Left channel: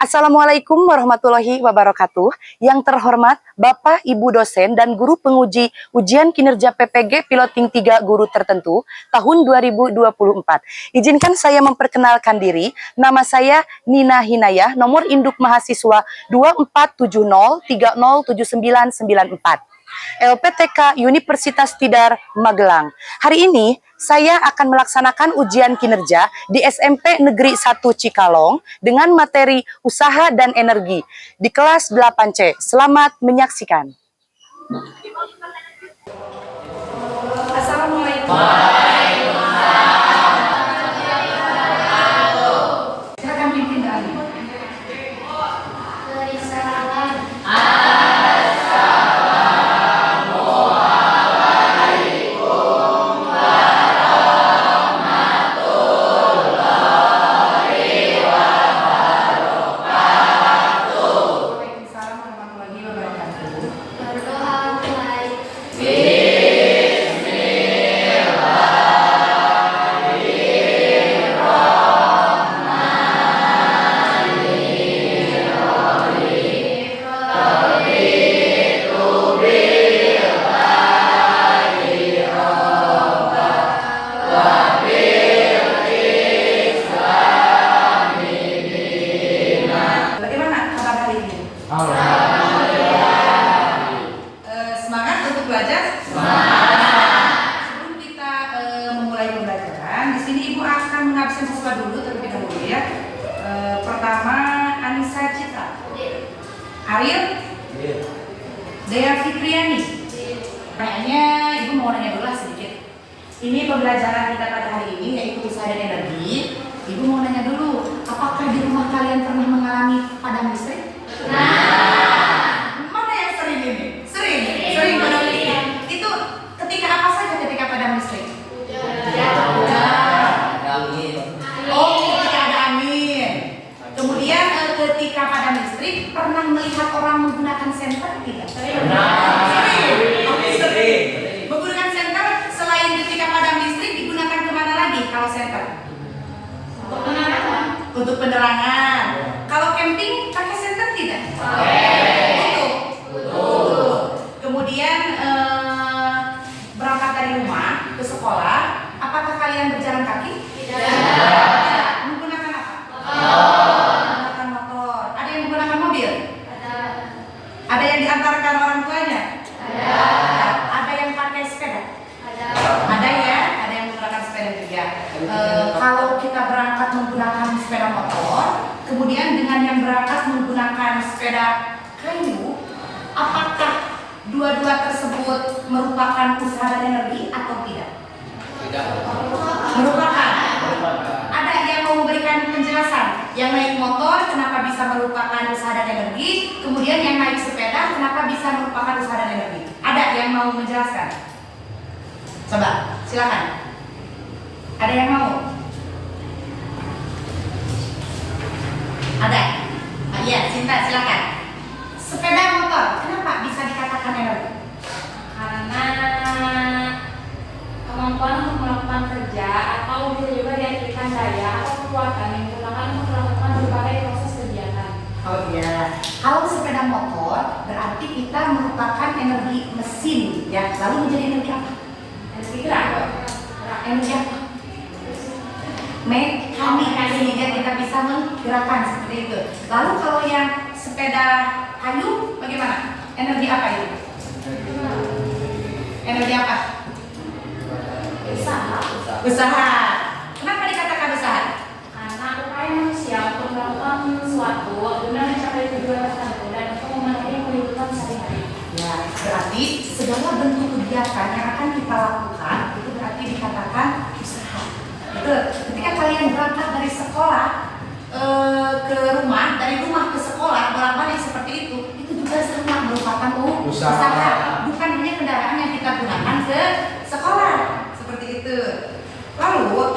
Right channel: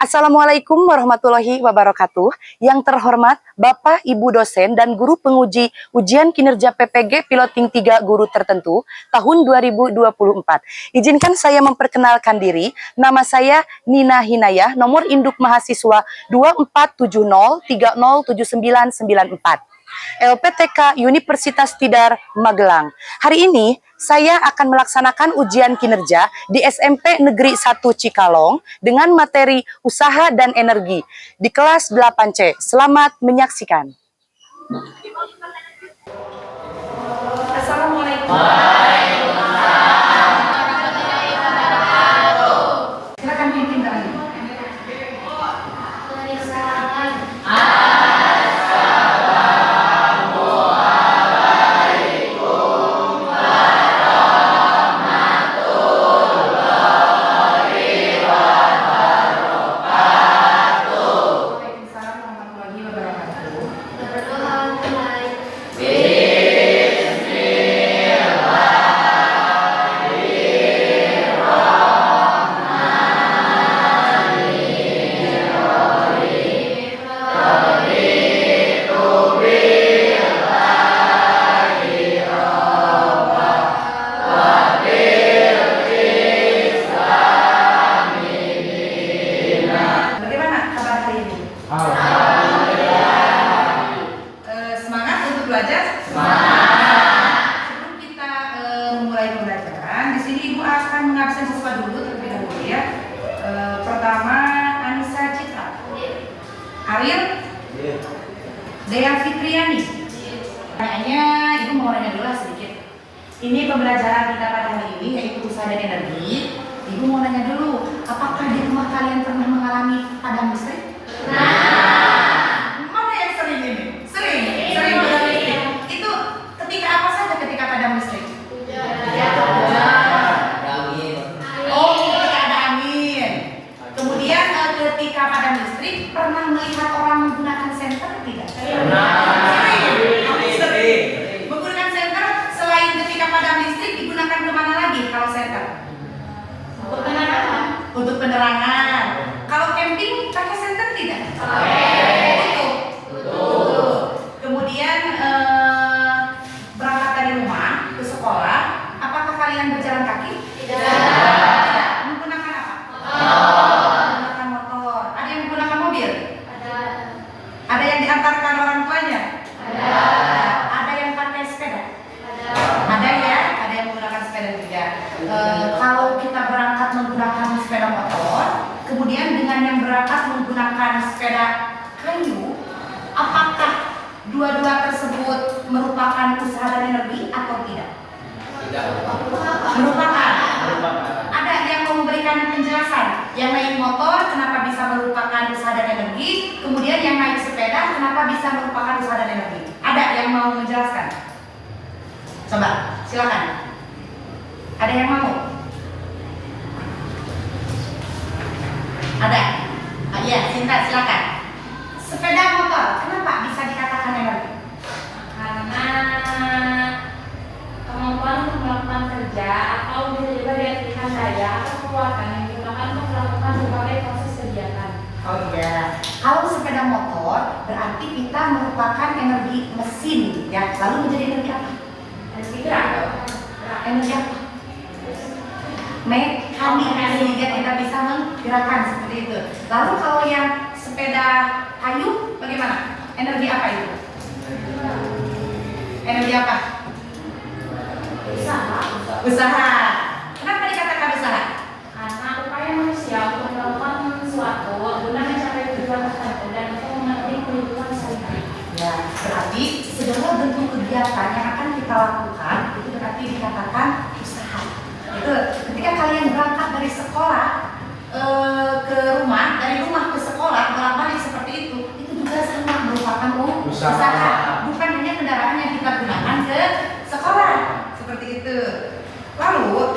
Assalamualaikum warahmatullahi wabarakatuh. Yang terhormat Bapak, Ibu dosen dan guru penguji ujian kinerja PPG Piloting 3 guru tertentu tahun 2024. Izinkan saya memperkenalkan diri. Nama saya Nina Hinayah, nomor induk mahasiswa 2470307994. LPTK Universitas Tidar Magelang. Hari ini saya akan melaksanakan ujian kinerja di SMP Negeri 1 Cikalong dengan materi usaha dan energi di kelas 8C. Selamat menyaksikan. Assalamualaikum. Silakan pimpin kami. Siswa dulu terlebih dahulu ya. Pertama Anissa Citra, Ariel, Dea Fitriani. Kayaknya ibu mau nanya dulu sedikit. Ini pembelajaran kita pada hari ini yaitu usaha dan energi. Ibu mau nanya dulu, apakah di rumah kalian pernah mengalami padam listrik? Mana yang sering ini? Sering padam listrik. Itu ketika apa saja ketika padam listrik? Ketika padam listrik, pernah melihat orang menggunakan senter tidak? Sering. Menggunakan senter selain ketika padam listrik digunakan kemana lagi kalau senter? Untuk penerangan. Kalau camping pakai senter tidak? Untuk. Kemudian berangkat dari rumah ke sekolah, apakah kalian berjalan kaki? Tidak. Menggunakan apa? Ada yang diantarkan orang tuanya? Ada yang pakai sepeda? Ada ya, ada yang menggunakan sepeda juga. Kalau kita berangkat menggunakan sepeda motor, kemudian dengan yang berangkat menggunakan sepeda kayu, apakah dua-dua tersebut merupakan usaha dan energi atau tidak? Merupakan. Ada yang mau memberikan penjelasan? Yang naik motor kenapa bisa merupakan usaha dan energi? Kemudian yang naik sepeda kenapa bisa merupakan usaha dan energi? Ada yang mau menjelaskan? Coba, silakan. Ada yang mau? Ada? Iya, Cinta, silakan. Sepeda motor kenapa bisa dikatakan energi? Karena kemampuan untuk melakukan kerja atau bisa juga diartikan daya atau kekuatan yang digunakan untuk melakukan berbagai proses kegiatan. Oh iya, kalau sepeda motor berarti kita merupakan energi mesin ya, lalu menjadi energi apa? Energi gerak. Energi apa? Mekanik, sehingga kita bisa menggerakkan seperti itu. Lalu kalau yang sepeda kayu bagaimana? Energi apa itu? Energi apa? Usaha. Kenapa dikatakan usaha? Karena upaya manusia untuk melakukan sesuatu guna mencapai tujuan tertentu dan untuk memenuhi kebutuhan sehari-hari. Ya, berarti segala bentuk kegiatan yang akan kita lakukan itu berarti dikatakan usaha. Itu ketika kalian berangkat dari sekolah ke rumah, dari rumah ke sekolah bolak-balik seperti itu juga sama merupakan usaha. Bukan hanya kendaraan yang kita gunakan ke sekolah seperti itu. Lalu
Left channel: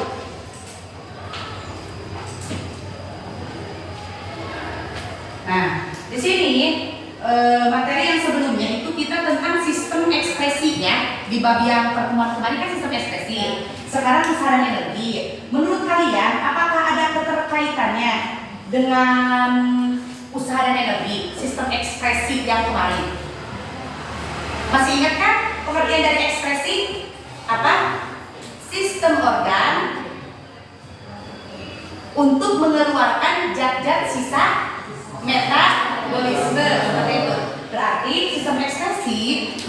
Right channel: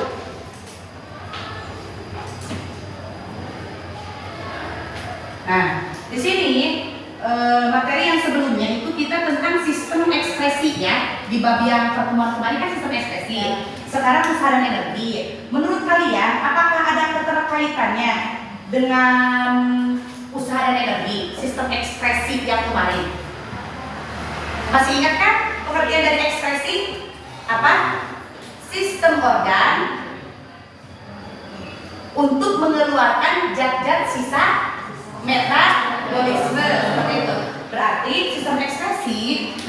nah, di sini materi yang sebelumnya itu kita tentang sistem ekspresinya di bab yang pertemuan kemarin kan sistem ekspresi. Sekarang usaha dan energi. Menurut kalian apakah ada keterkaitannya dengan usaha dan energi, sistem ekspresi yang kemarin. Masih ingat kan pengertian dari ekspresi? Apa? Sistem organ untuk mengeluarkan zat-zat sisa metabolisme, seperti itu. Berarti sistem ekspresi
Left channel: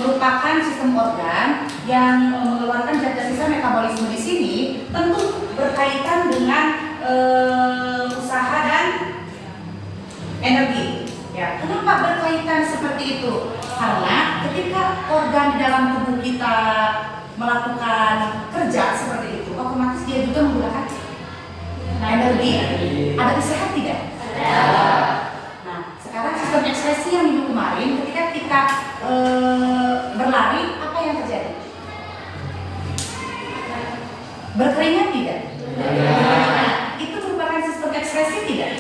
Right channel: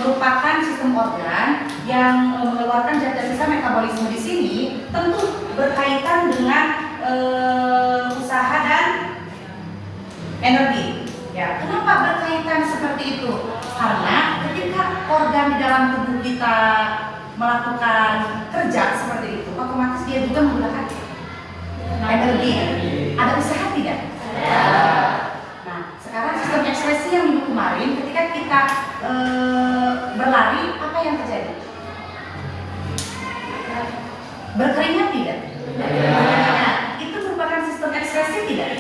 merupakan sistem organ yang mengeluarkan zat-zat sisa metabolisme. Di sini tentu berkaitan dengan usaha dan energi. Ya, kenapa berkaitan seperti itu? Karena ketika organ di dalam tubuh kita melakukan kerja seperti itu, otomatis dia juga menggunakan energi. Ada usaha tidak? Nah, sekarang sistem ekspresi yang minggu kemarin, ketika kita berlari, apa yang terjadi? Berkeringat tidak? Berkeringat. Itu merupakan sistem ekspresi tidak?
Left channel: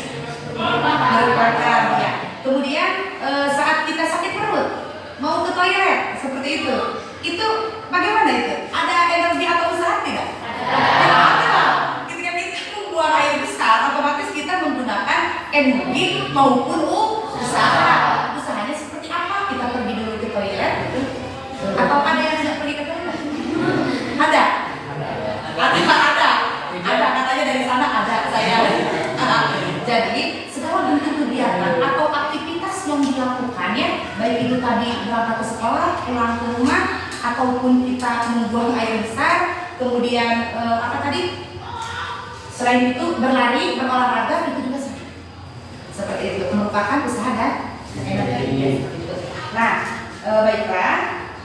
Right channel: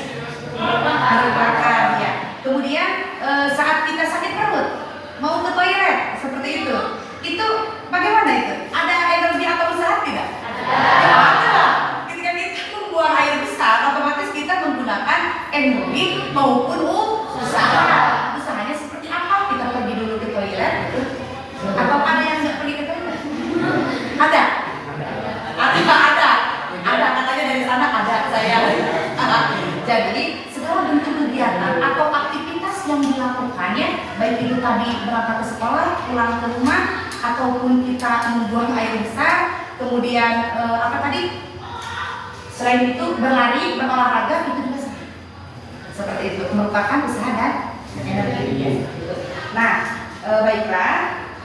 Merupakan, ya. Kemudian saat kita sakit perut, mau ke toilet, seperti itu bagaimana itu? Ada energi atau usaha tidak? Ada. Ketika kita membuang air besar, otomatis kita menggunakan energi maupun usaha. Usahanya seperti apa? Kita pergi dulu ke toilet, atau ada yang nggak pergi ke toilet? Ada. Ada katanya dari sana ada saya. Jadi segala bentuk kegiatan atau aktivitas yang dilakukan ya, baik itu tadi berangkat ke sekolah, pulang ke rumah, ataupun kita membuang air besar, kemudian apa tadi? Selain itu berlari, berolahraga, itu juga sama. Seperti itu merupakan usaha dan energi. Nah, baiklah,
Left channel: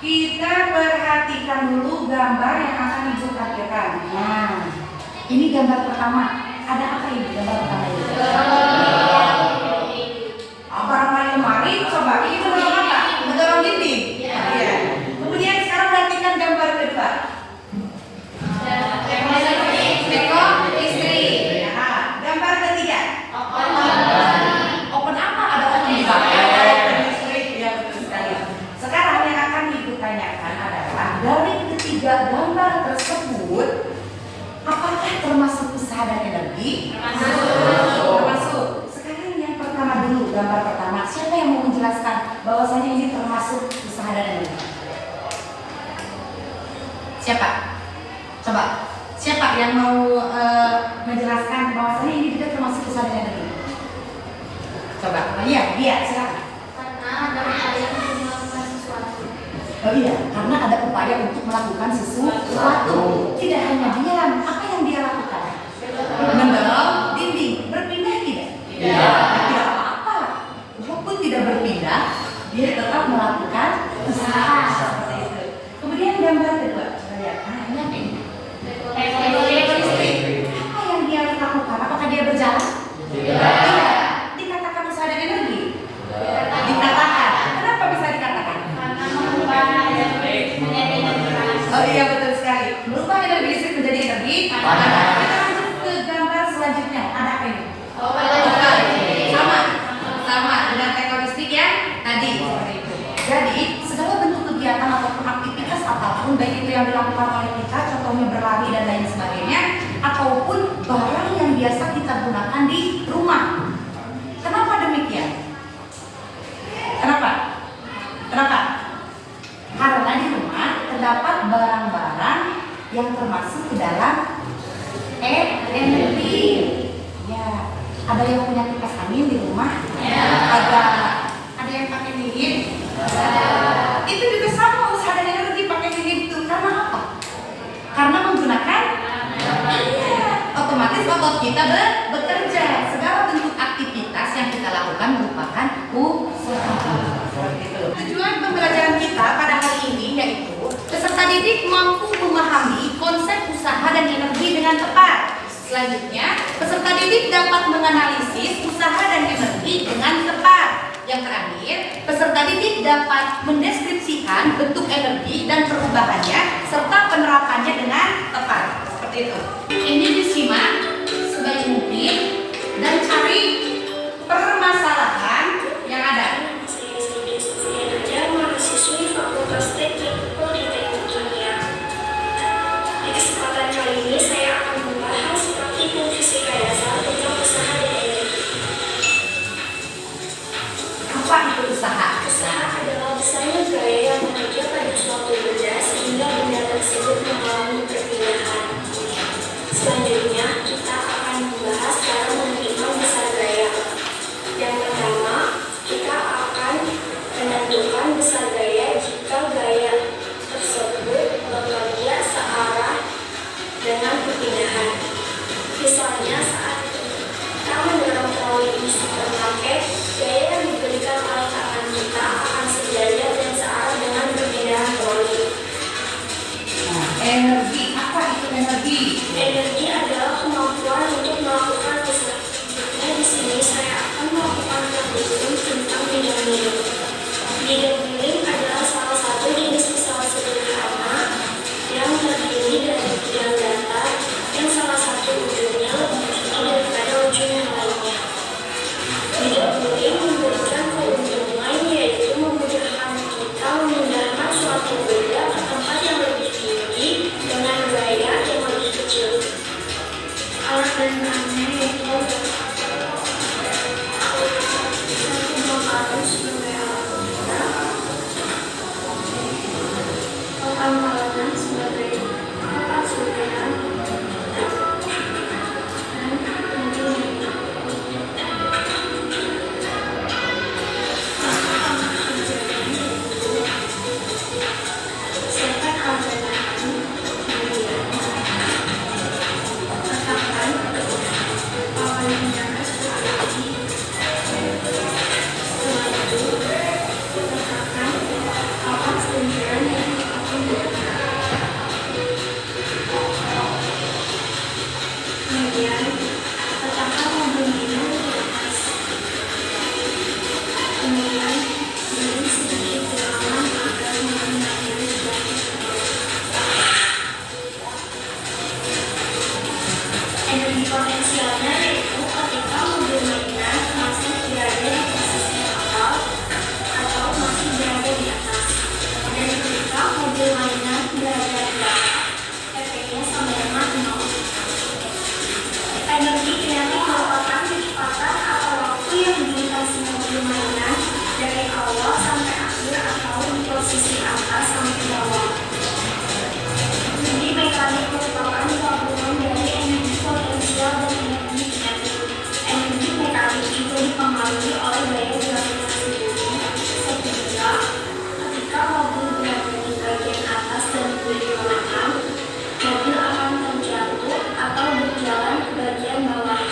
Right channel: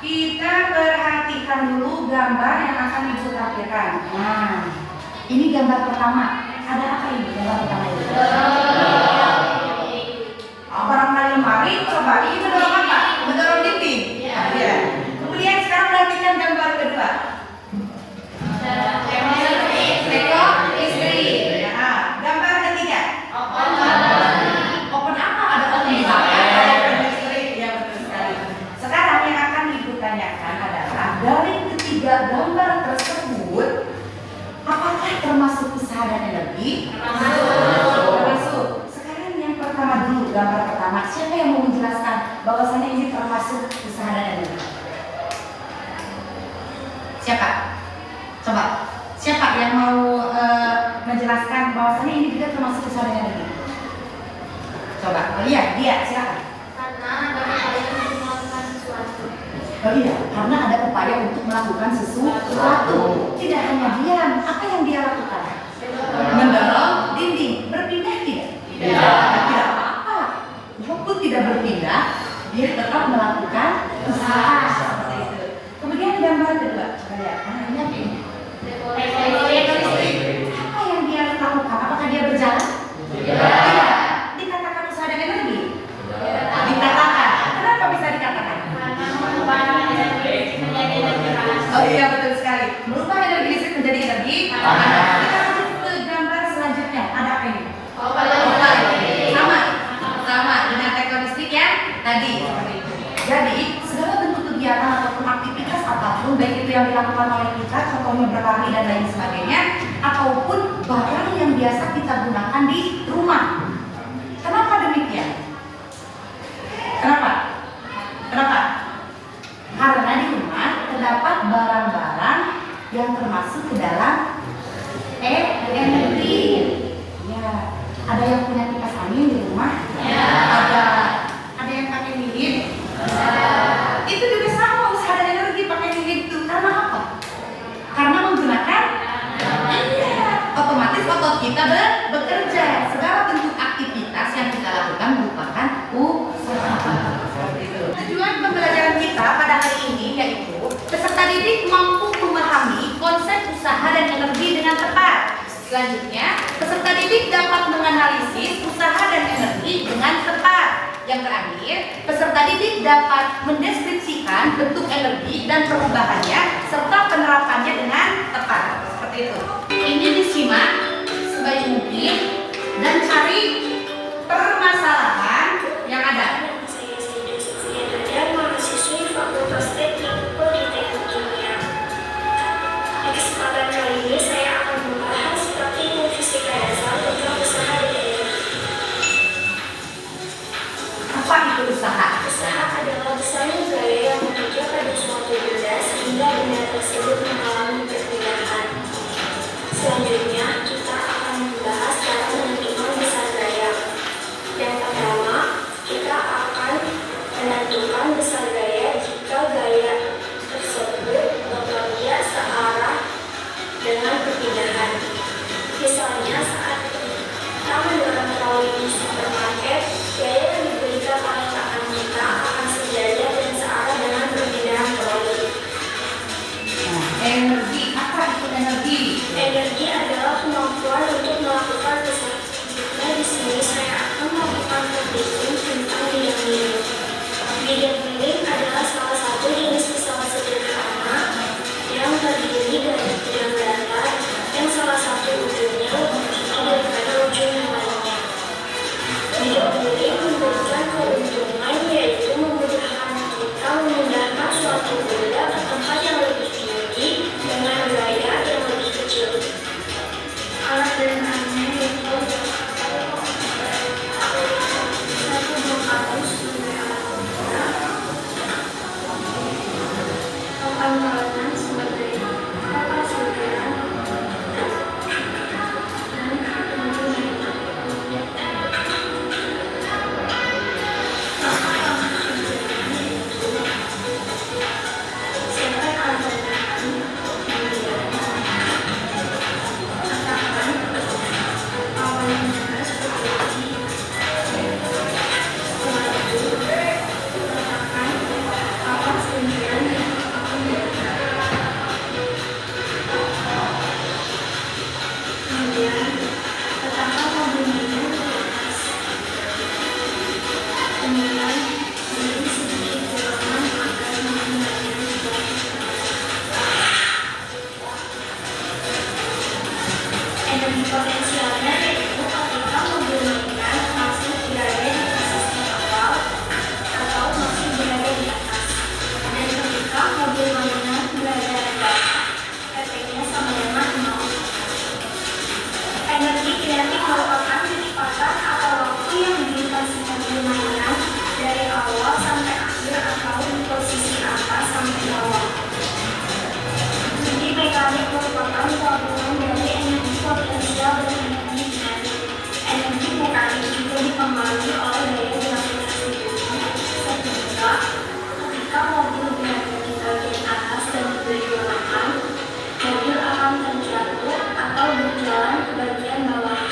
kita perhatikan dulu gambar yang akan Ibu tampilkan. Nah, ini gambar pertama. Ada apa ini gambar pertama ini? Barang lemari, coba ini mendorong apa? Mendorong dinding. Iya. Kemudian sekarang perhatikan gambar kedua. Teko istri. Nah, gambar ketiga. Open apa? Ada open istri. Ya betul sekali. Sekarang yang akan Ibu tanyakan adalah dari ketiga gambar tersebut, apakah termasuk usaha dan energi? Termasuk. Sekarang yang pertama dulu, gambar pertama. Siapa yang mau menjelaskan bahwasanya ini termasuk usaha dan energi? Siapa? Coba. Siapa yang mau menjelaskan bahwasanya ini juga termasuk usaha dan energi? Coba. Oh iya, dia silakan. Karena ada upaya untuk melakukan sesuatu. Oh iya, karena ada upaya untuk melakukan sesuatu. Tidak hanya diam, apa yang dia lakukan? Mendorong dinding. Berpindah tidak? Tidak apa-apa. Walaupun tidak berpindah, dia tetap melakukan usaha. Seperti itu. Kemudian gambar kedua, lihat. Ini apa ini? Apa yang dia lakukan? Apakah dia berjalan? Tidak. Dikatakan usaha dan energi? Dikatakan. Kenapa bisa dikatakan? Oh iya, betul sekali. Merubah energi listrik menjadi energi panas. Kita lanjut ke gambar selanjutnya. Ada apa ini? Sama dengan teknologi listrik yang tadi seperti itu. Jadi segala bentuk kegiatan ataupun aktivitas apapun, baik itu yang dilakukan oleh kita, contohnya berlari dan lain sebagainya, ataupun barang yang biasa kita gunakan di rumah. Kenapa demikian? Kenapa? Karena di rumah terdapat barang-barang yang termasuk ke dalam energi. Ya, ada yang punya kipas angin di rumah. Ya. Ada yang pakai lilin. Itu juga sama usaha dan energi pakai lilin itu. Karena apa? Karena menggunakan. Iya. Otomatis otot kita bekerja. Segala bentuk aktivitas yang kita lakukan merupakan usaha. Tujuan pembelajaran kita pada hari ini yaitu peserta didik mampu memahami konsep usaha dan energi dengan tepat. Selanjutnya, peserta didik dapat menganalisis usaha dan energi dengan tepat. Yang terakhir, peserta didik dapat mendeskripsikan bentuk energi dan perubahannya serta penerapannya dengan tepat. Seperti itu. Ini disimak sebaik mungkin dan cari permasalahan yang ada. Mahasiswi Fakultas Teknik Politeknik Kimia. Di kesempatan kali ini saya akan membahas praktikum fisika dasar tentang usaha dan energi. Selanjutnya, kita akan membahas cara menentukan besar gaya. Yang pertama, kita akan menentukan besar gaya jika gaya tersebut bekerja searah dengan perpindahan. Misalnya, saat kita mendorong troli di supermarket, gaya yang diberikan oleh tangan kita akan sejajar dan searah dengan perpindahan troli. Nah, energi, apa itu energi? Energi adalah kemampuan untuk melakukan sesuatu. Nah, di sini saya akan melakukan praktikum tentang bidang miring. Bidang miring adalah salah satu jenis pesawat sederhana yang terdiri dari bidang datar yang salah satu ujungnya lebih tinggi daripada ujung yang lainnya. Bidang miring memberikan keuntungan yaitu memudahkan kita memindahkan suatu benda ke tempat yang lebih tinggi dengan gaya yang lebih kecil. Alat dan bahannya yaitu satu buah kartu sebagai alat pemula, papan makanan sebagai papan susunan, dan tentunya setek komponen, kemudian letakkan papan yang seperti setelah itu letakkan papan sentilan yang akan diletakkan. Kemudian letakkan mobil minum di atas. Kemudian beri sedikit dorongan agar menggunakan batu. Energi potensialnya yaitu ketika mobil mainan masih berada di posisi awal atau masih berada di atas, dan ketika mobil mainan berada di bawah, efeknya sama dengan 0. Energi kinetik merupakan kecepatan atau waktu yang dilintasi mobil mainan dari awal sampai akhir atau di posisi atas sampai bawah. Energi mekanik merupakan gabungan dari energi potensial dan energi kinetik. Energi mekanik juga dipengaruhi oleh daya gravitasi bumi, sehingga ketika mobil berada di bagian atas dan diberi dorongan, mobil akan terjatuh atau berjalan ke bagian bawah.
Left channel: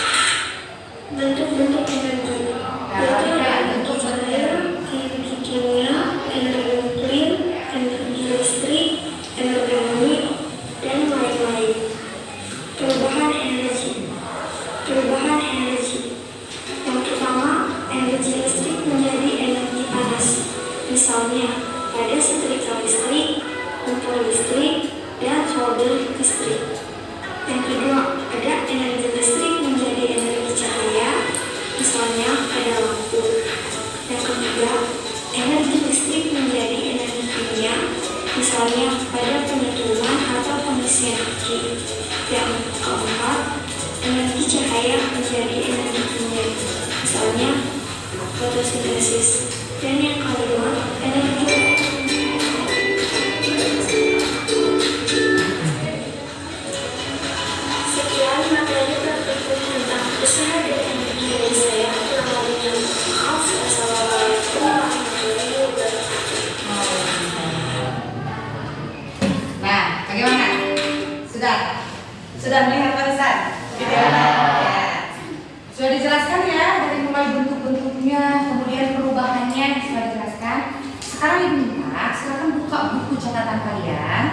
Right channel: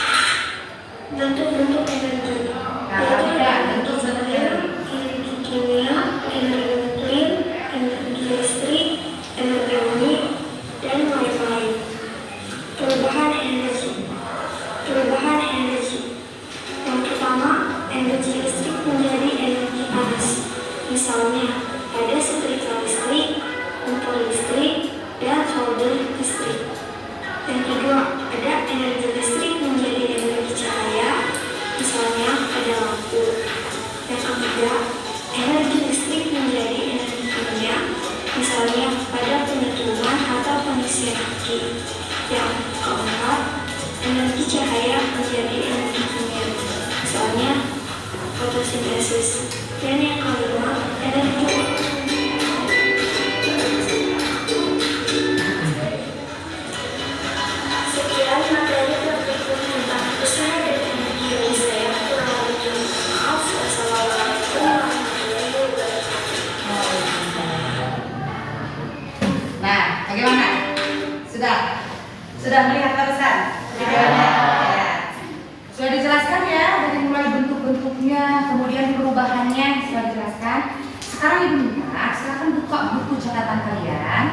Bentuk-bentuk energi yaitu energi cair, energi kimia, energi nuklir, energi listrik, energi bumi, dan lain-lain. Perubahan energi. Yang pertama, energi listrik menjadi energi panas. Misalnya, pada setrika listrik, kompor listrik, dan solder listrik. Yang kedua, ada energi listrik menjadi energi cahaya. Misalnya, ada lampu. Yang ketiga, energi listrik menjadi energi kimia. Misalnya, pada penyetruman atau pengisian aki. Yang keempat, energi cahaya menjadi energi kimia. Misalnya, fotosintesis. Dan yang kelima, energi sekian materi praktikum tentang usaha dan energi dari saya. Kurang lebihnya maaf. Wassalamualaikum warahmatullahi wabarakatuh. Nah, bagaimana? Sudah melihat barusan? Videonya? Ya. Sudah dijelaskan ya, dari mulai bentuk-bentuknya, kemudian perubahannya sudah dijelaskan. Sekarang Ibu minta, silakan buka buku catatan kalian.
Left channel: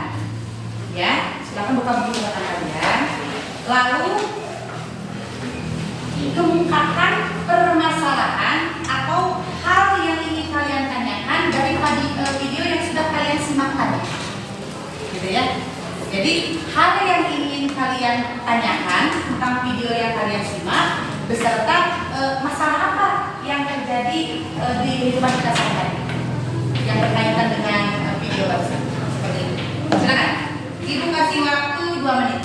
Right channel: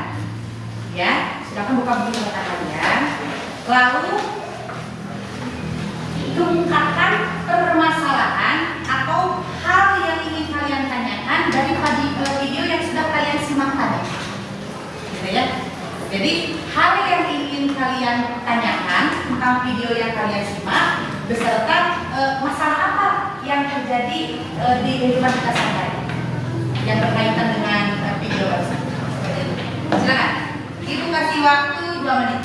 Ya, silakan buka buku catatan kalian. Lalu kemukakan permasalahan atau hal yang ingin kalian tanyakan dari video yang sudah kalian simak tadi. Gitu ya. Jadi hal yang ingin kalian tanyakan tentang video yang kalian simak beserta masalah apa yang terjadi di kehidupan kita sehari-hari yang berkaitan dengan video barusan. Seperti itu. Silakan. Ibu kasih waktu 2 menit.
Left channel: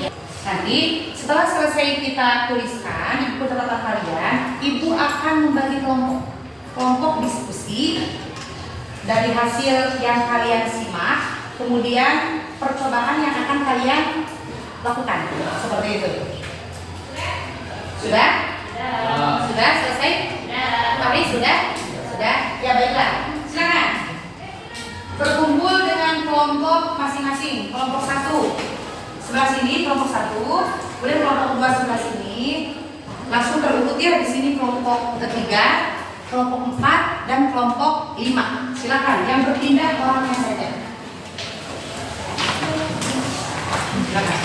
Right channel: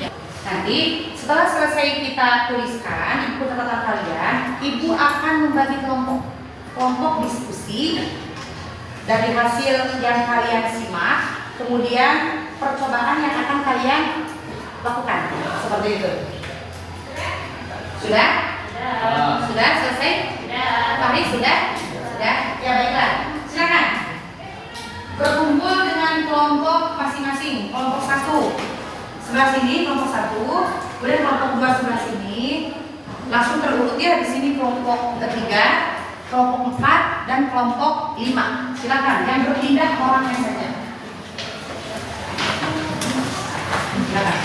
Ya. Nanti setelah selesai kita tuliskan di buku catatan kalian, Ibu akan membagi kelompok diskusi dari hasil yang kalian simak, kemudian percobaan yang akan kalian lakukan seperti itu. Sudah? Sudah selesai? Mari sudah? Sudah? Ya baiklah. Silakan. Berkumpul dengan kelompok masing-masing. Kelompok 1 sebelah sini, kelompok 1, kemudian kelompok 2 sebelah sini. Langsung terurut ya di sini kelompok 3, kelompok 4 dan kelompok 5. Silakan yang berpindah orangnya saja. Silakan.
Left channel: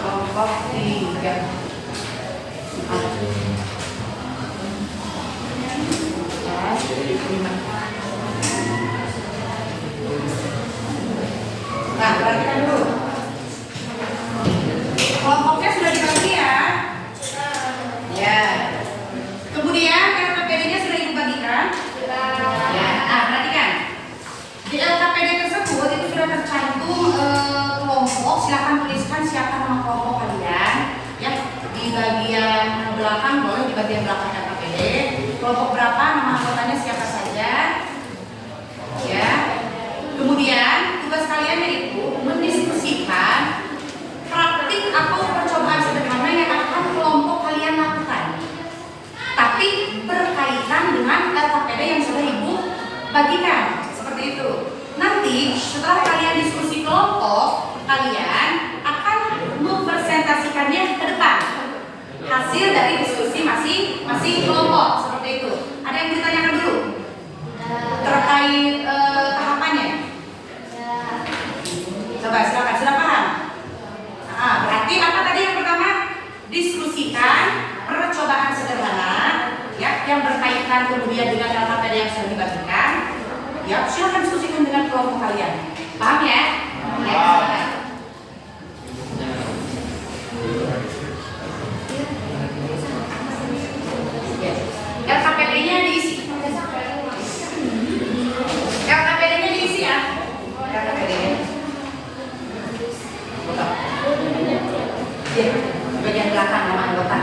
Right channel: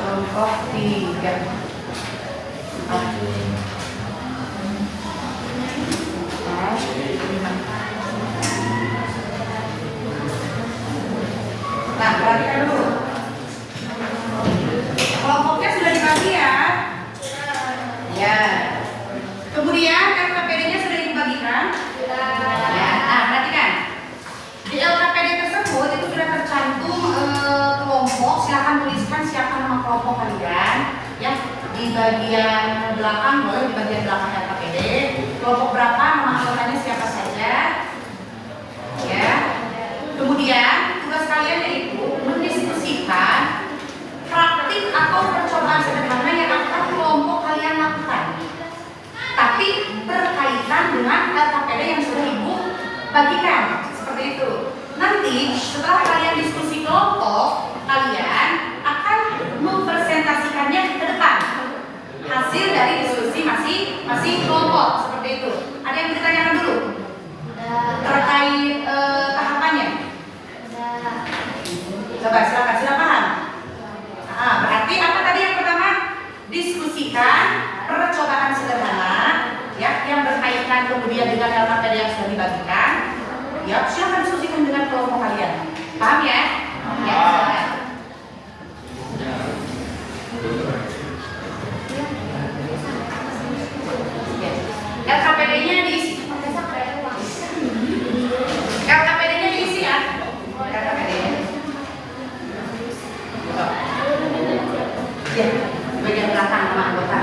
Kelompok 3 Nah, perhatikan dulu. Kelompoknya sudah dibagi ya? Ya. Kemudian LKPD-nya sudah ibu bagikan? Ya. Nah, perhatikan. Di LKPD tersebut itu sudah tercantum kelompok. Silakan tuliskan siapa nama kelompok kalian. Ya, di bagian belakang boleh di bagian belakang LKPD. Kelompok berapa, nama anggotanya siapa saja. Ya. Kemudian tugas kalian yaitu mendiskusikan praktik atau percobaan sederhana yang akan kelompok kalian lakukan. Tapi berkaitan dengan LKPD yang sudah ibu bagikan. Seperti itu. Nanti setelah kalian diskusi kelompok, kalian akan mempresentasikannya ke depan. Hasil dari diskusi masing-masing kelompok. Seperti itu. Ada yang ditanyakan dulu? Terkait tahapannya? Coba silakan, sudah paham? Nah, berarti apa tadi yang pertama? Diskusikan percobaan sederhana ya, yang berkaitan kemudian dengan LKPD yang sudah dibagikan. Ya, silakan diskusikan dengan kelompok kalian. Paham ya? Ya. LKPD-nya diisi. LKPD-nya diisi ya. LKPD-nya. Ya, bagian belakang nama anggota.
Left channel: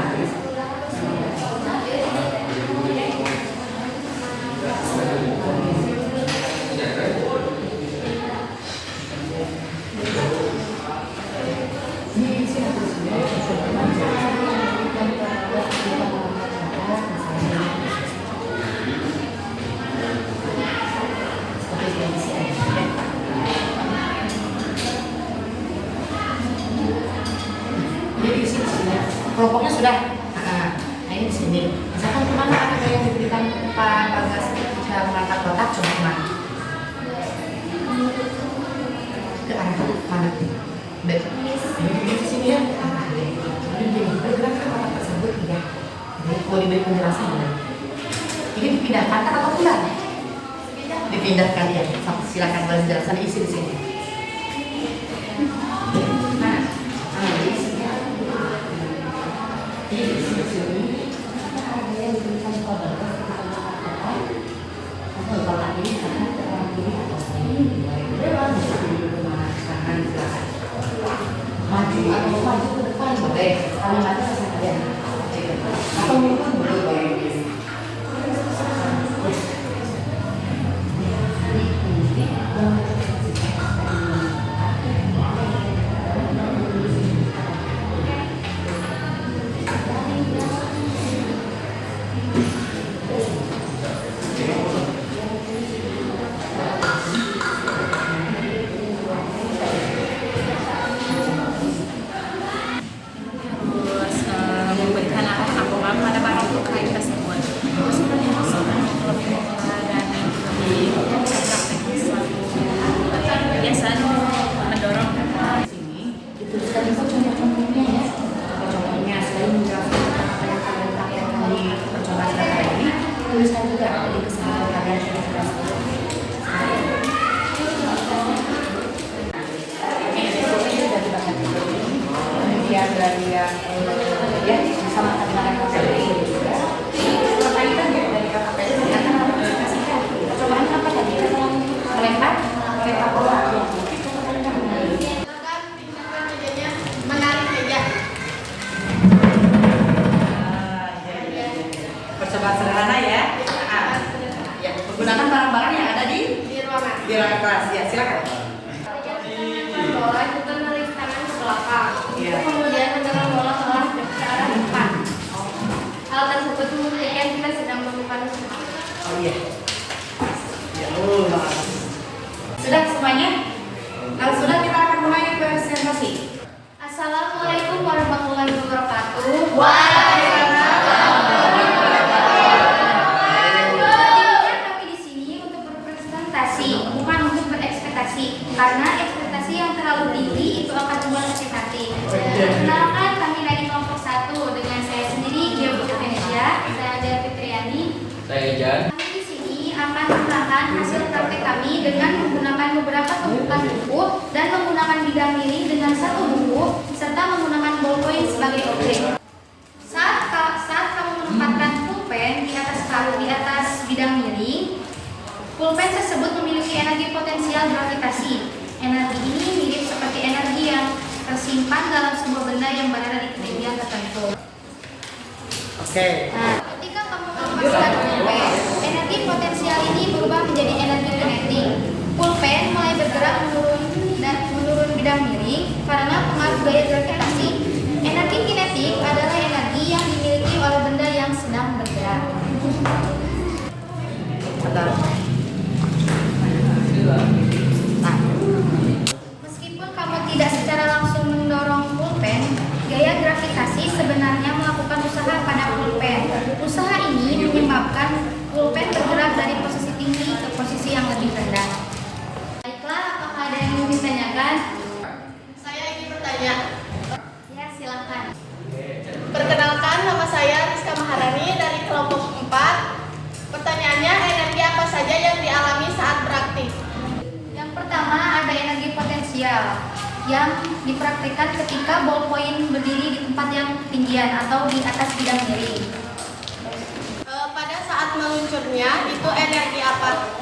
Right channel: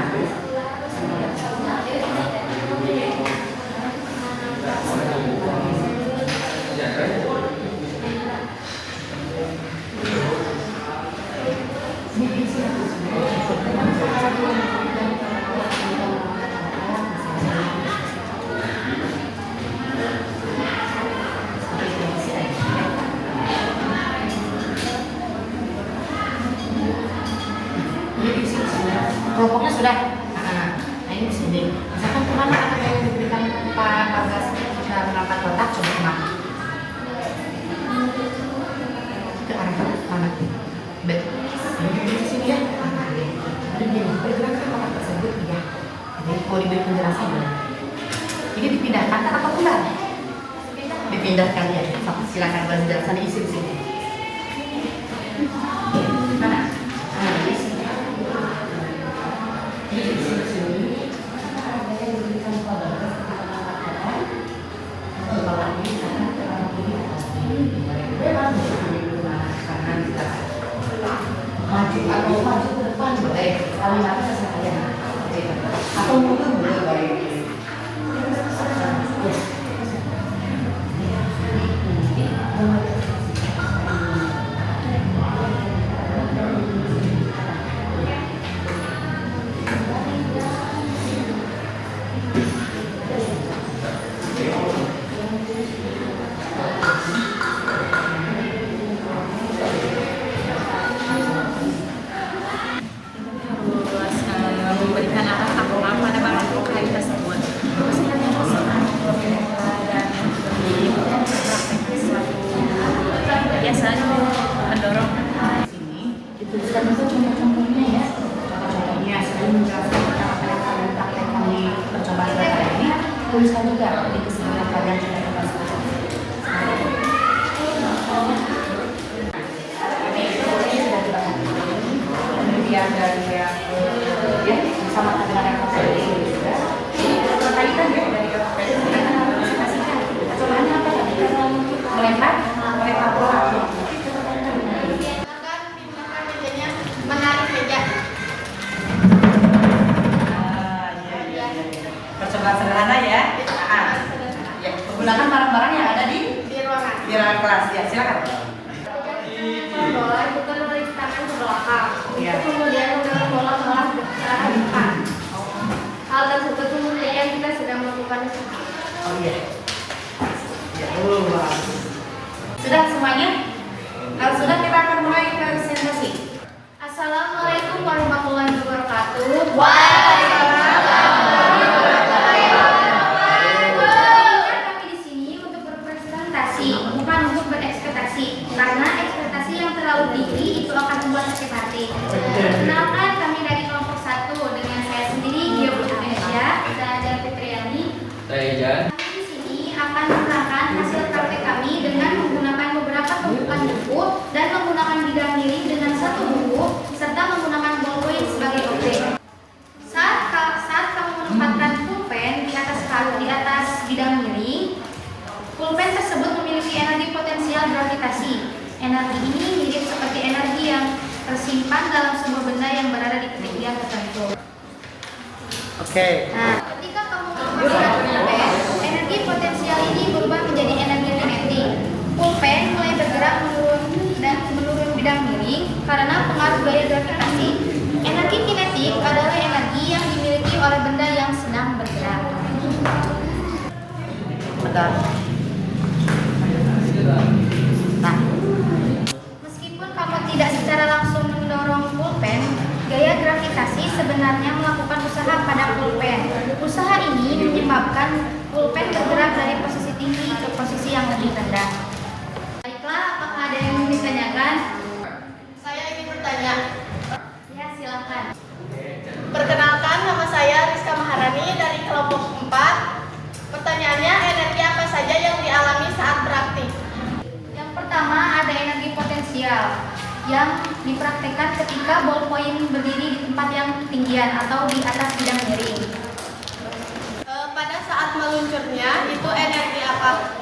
Kelompoknya sudah. Nah, ini di sini. Misalkan kemana anak yang diberikan Pak Bagas cara mengangkat kotak, coba kemana? Ke arah mana? Baik. Ini di sini ya. Jadi bergerak ke kotak tersebut ya. Jadi mau diberi penjelasan boleh. Ini dipindahkan atau pulang? Dipindahkan ya. Silakan boleh penjelasan isi di sini. Maju ke depan boleh, kalau nggak bisa sekalian atau mundur boleh baik. Tuliskan juga di kesempatan kalian juga kemudian dari ya bersama dengan LKPD juga berkaitan ya dari LKPD akan mengaplikasikan percobaannya apa tadi melempar bola. Ya. kemudian mendorong bola ke arah depan. Hal tersebut membuktikan kita sedang melakukan usaha. Oh iya. Ya, bagus. Sudah semuanya? Kalau sudah kita akan mulai presentasi. Assalamualaikum warahmatullahi wabarakatuh. Kami di sini untuk berpresentasi, bukan untuk berekspektasi. Karena ekspektasi yang terlalu tinggi itu akan membuat sakit hati. Perkenalkan, kami dari kelompok 1 dengan saya sendiri, Gia Putri Asia, saya Fitriani. Saya Jan. Kami di sini akan menerangkan hasil praktek kami dengan menggunakan beberapa tumpukan buku dan menggunakan bidang miring dengan satu buku serta menggunakan ballpoint sebagai objek. Saat kamu menempatkan pulpen di atas bidang miring, pulpen tersebut memiliki energi potensial gravitasi. Energi ini mirip seperti energi yang tersimpan dalam sebuah benda yang berada di ketinggian tertentu. Oke. Nah, ketika kamu melepaskan pulpen, energi potensial ini berubah menjadi energi kinetik. Pulpen mulai bergerak menurun bidang miring karena pengaruh gaya gravitasi. Energi kinetik adalah energi yang dimiliki oleh benda yang sedang bergerak. Betul. Nah, Meskipun kamu tidak secara langsung mendorong pulpen, gaya gravitasi sebenarnya melakukan usaha pada pulpen. Usaha ini menyebabkan pulpen bergerak dari posisi tinggi ke posisi yang lebih rendah. Baiklah, apakah ada yang ingin ditanyakan? Saya ingin bertanya. Ya, silakan. Perkenalkan, nama saya Rizka Maharani dari kelompok 4. Pertanyaannya, energi apa saja yang dialami saat praktik? Yang pertama ada energi potensial yang dipraktikkan ketika ballpoint berdiri di tempat yang tinggian atau di atas bidang miring. Pada saat meluncurnya, itu energi apa?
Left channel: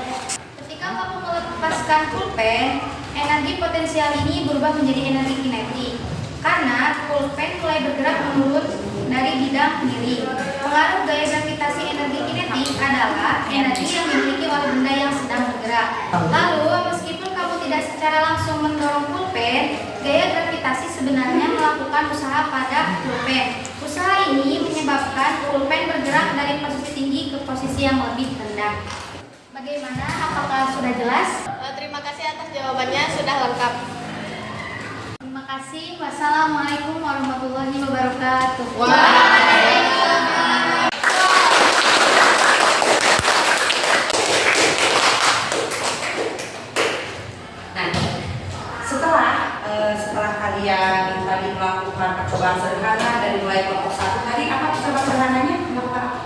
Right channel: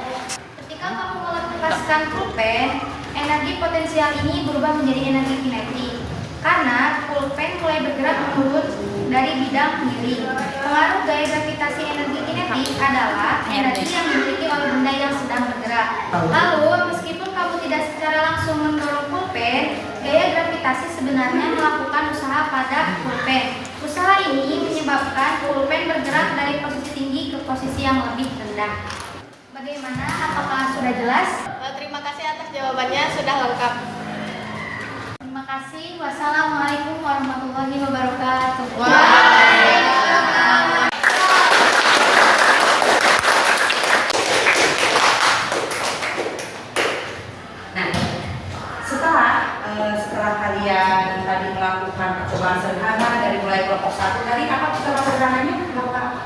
Ketika kamu melepaskan pulpen, energi potensial ini berubah menjadi energi kinetik karena pulpen mulai bergerak menurun dari bidang miring. Pengaruh gaya gravitasi energi kinetik adalah energi yang dimiliki oleh benda yang sedang bergerak. Lalu, meskipun kamu tidak secara langsung mendorong pulpen, gaya gravitasi sebenarnya melakukan usaha pada pulpen. Usaha ini menyebabkan pulpen bergerak dari posisi tinggi ke posisi yang lebih rendah. Bagaimana? Apakah sudah jelas? Terima kasih atas jawabannya, sudah lengkap. Terima kasih. Wassalamualaikum warahmatullahi wabarakatuh. Nah, setelah kalian tadi melakukan percobaan sederhana dari mulai kelompok 1, tadi apa percobaan sederhananya? Melakukan apa?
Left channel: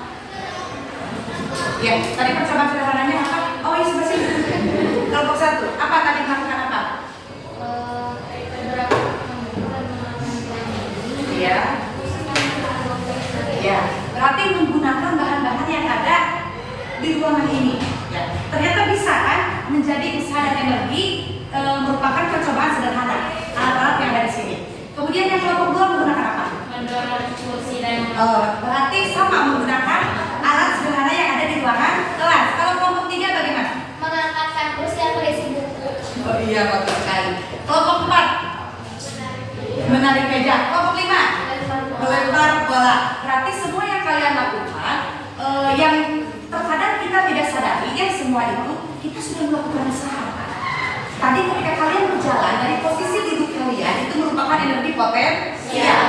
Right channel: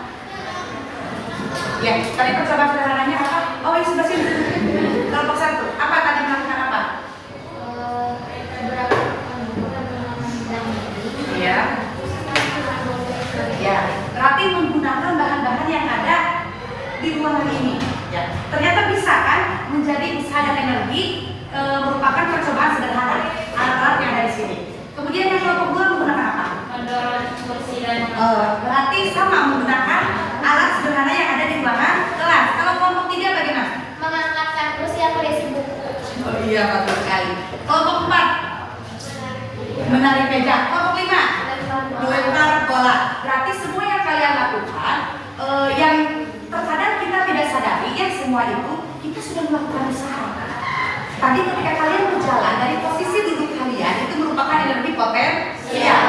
Ya, tadi percobaan sederhananya apa? Oh, ini sebelah sini. Kelompok 1, apa tadi melakukan apa? Ya. Ya, berarti menggunakan bahan-bahan yang ada di ruangan ini. Ya, ternyata bisa kan menjadi usaha dan energi merupakan percobaan sederhana alat-alat yang ada di sini. Kemudian yang kelompok 2 menggunakan apa? Mendorong kursi dan Berarti sama menggunakan alat sederhana yang ada di ruangan kelas. Kalau kelompok 3 bagaimana? mengangkatkan kursi yang berisi buku. Oh iya, betul sekali. Kelompok 4 menarik meja. Kelompok 5 melempar bola. Berarti semua yang kalian lakukan yang terkadang kita tidak sadari ya, semua itu kita sudah melakukan usaha. Tadi ketika kalian berjalan dari posisi duduk kalian itu merupakan energi potensial.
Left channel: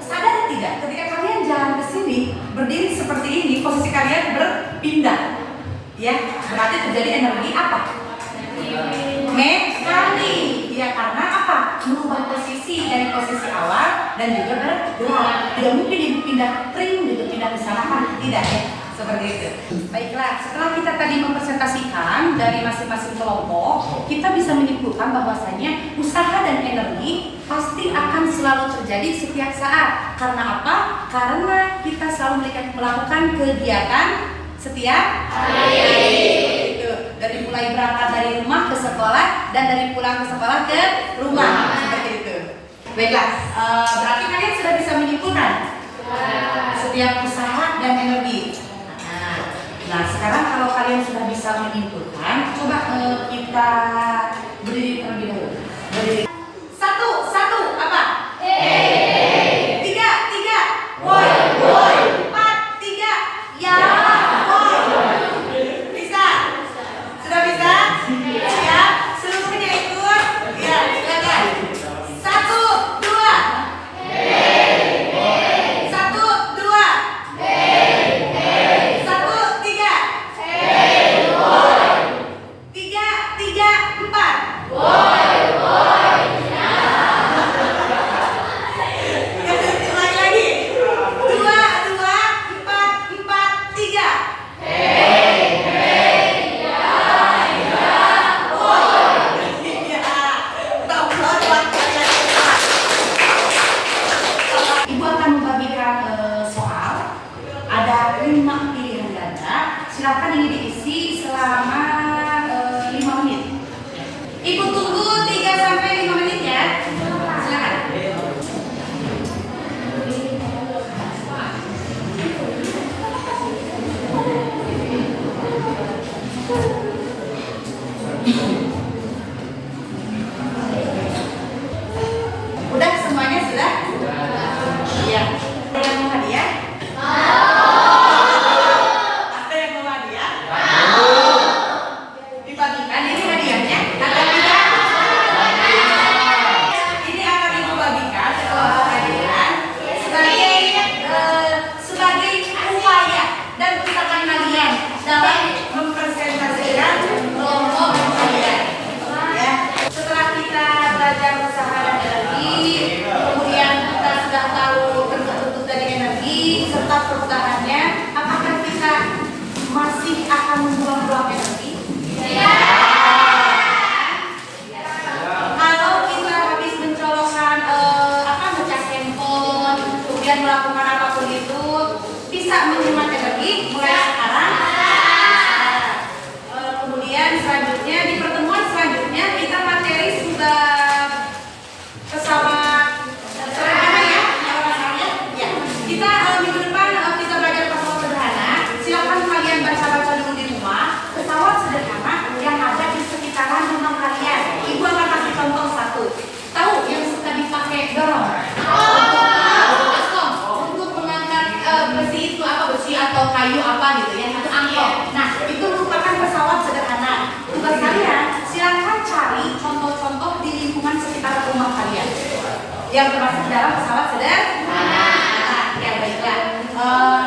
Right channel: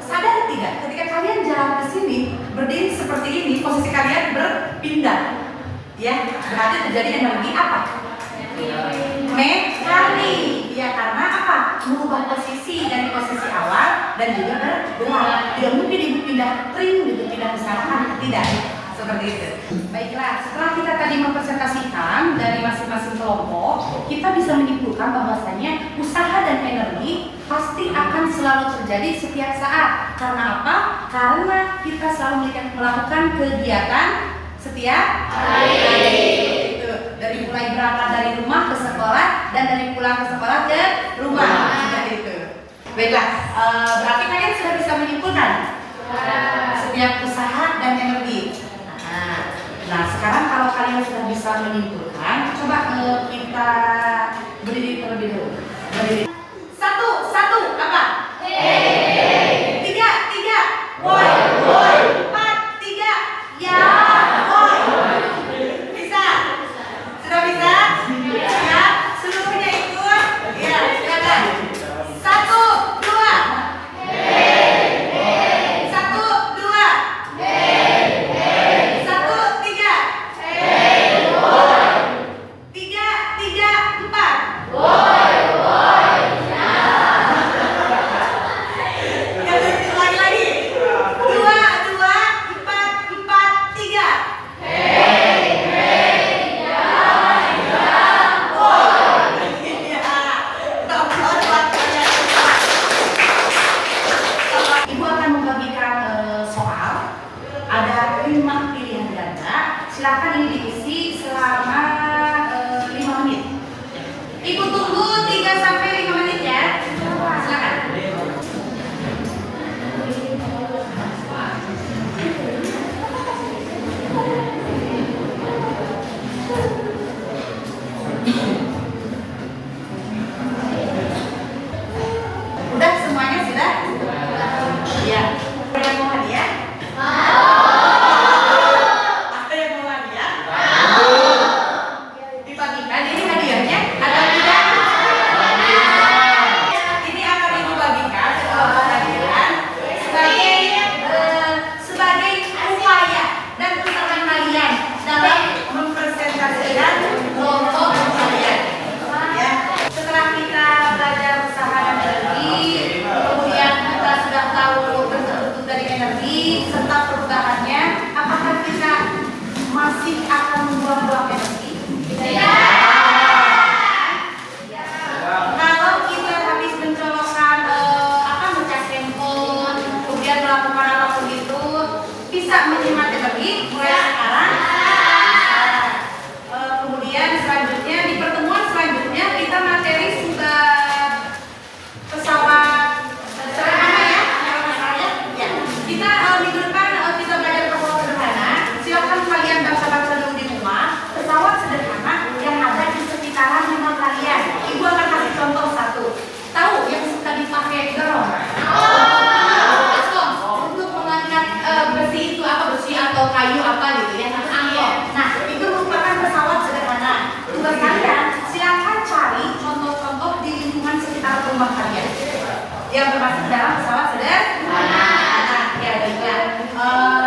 Sadar tidak? Ketika kalian jalan ke sini, berdiri seperti ini, posisi kalian berpindah. Ya, berarti terjadi energi apa? Mekanik. Ya, karena apa? Merubah posisi dari posisi awal dan juga bergerak. Tidak mungkin ibu pindah ring, gitu pindah ke sana kan? Tidak ya. Seperti itu. Baiklah, setelah kita tadi mempresentasikan dari masing-masing kelompok, kita bisa menyimpulkan bahwasanya usaha dan energi pasti akan selalu terjadi setiap saat. Karena apa? Karena kita selalu melakukan kegiatan setiap hari. Dari mulai berangkat dari rumah ke sekolah dan dari pulang ke sekolah ke rumah. Seperti itu. Baiklah, berarti kalian sudah bisa menyimpulkan setiap usaha dan energi. Nah, sekarang kalau kalian sudah bisa menyimpulkan, coba kita berdiri terlebih dahulu. Berdiri. Satu, apa? silakan ini diisi selama 5 menit. Ibu tunggu 3 sampai 5 menit ya. Silakan. Udah semuanya sudah? Iya. Ada yang mau hadiah? Ada yang mau hadiah? Dibagikan ini hadiahnya atau tidak? Ini akan ibu bagikan hadiah sebagai upaya dan usaha kalian dalam mempresentasikan kelompok kalian. Ya, setelah kita belajar usaha dan energi, kemudian kita sudah tahu bentuk-bentuk dari energi serta perubahannya, apakah kita masih akan membuang-buang energi? Kalau kita habis mencolokkan ngecas handphone, kemudian melakukan apapun itu, bisa menghemat energi mulai sekarang. Kemudian selanjutnya di pertemuan selanjutnya kita materi sudah pesawat sederhana ya, kalau masalahnya ya. Kita minggu depan kita belajar pesawat sederhana. Silakan kalian baca-baca dulu di rumah pesawat sederhana yang ada di sekitaran rumah kalian. Ibu akan kasih contoh satu. Tahu yang suka dipakai dorong? Untuk mengangkat besi itu apa, besi atau kayu apa gitu ya, itu angkot. Nah, itu merupakan pesawat sederhana. Tugas kalian silakan cari contoh-contoh di lingkungan sekitar rumah kalian yang termasuk dalam pesawat sederhana. Ya baiklah.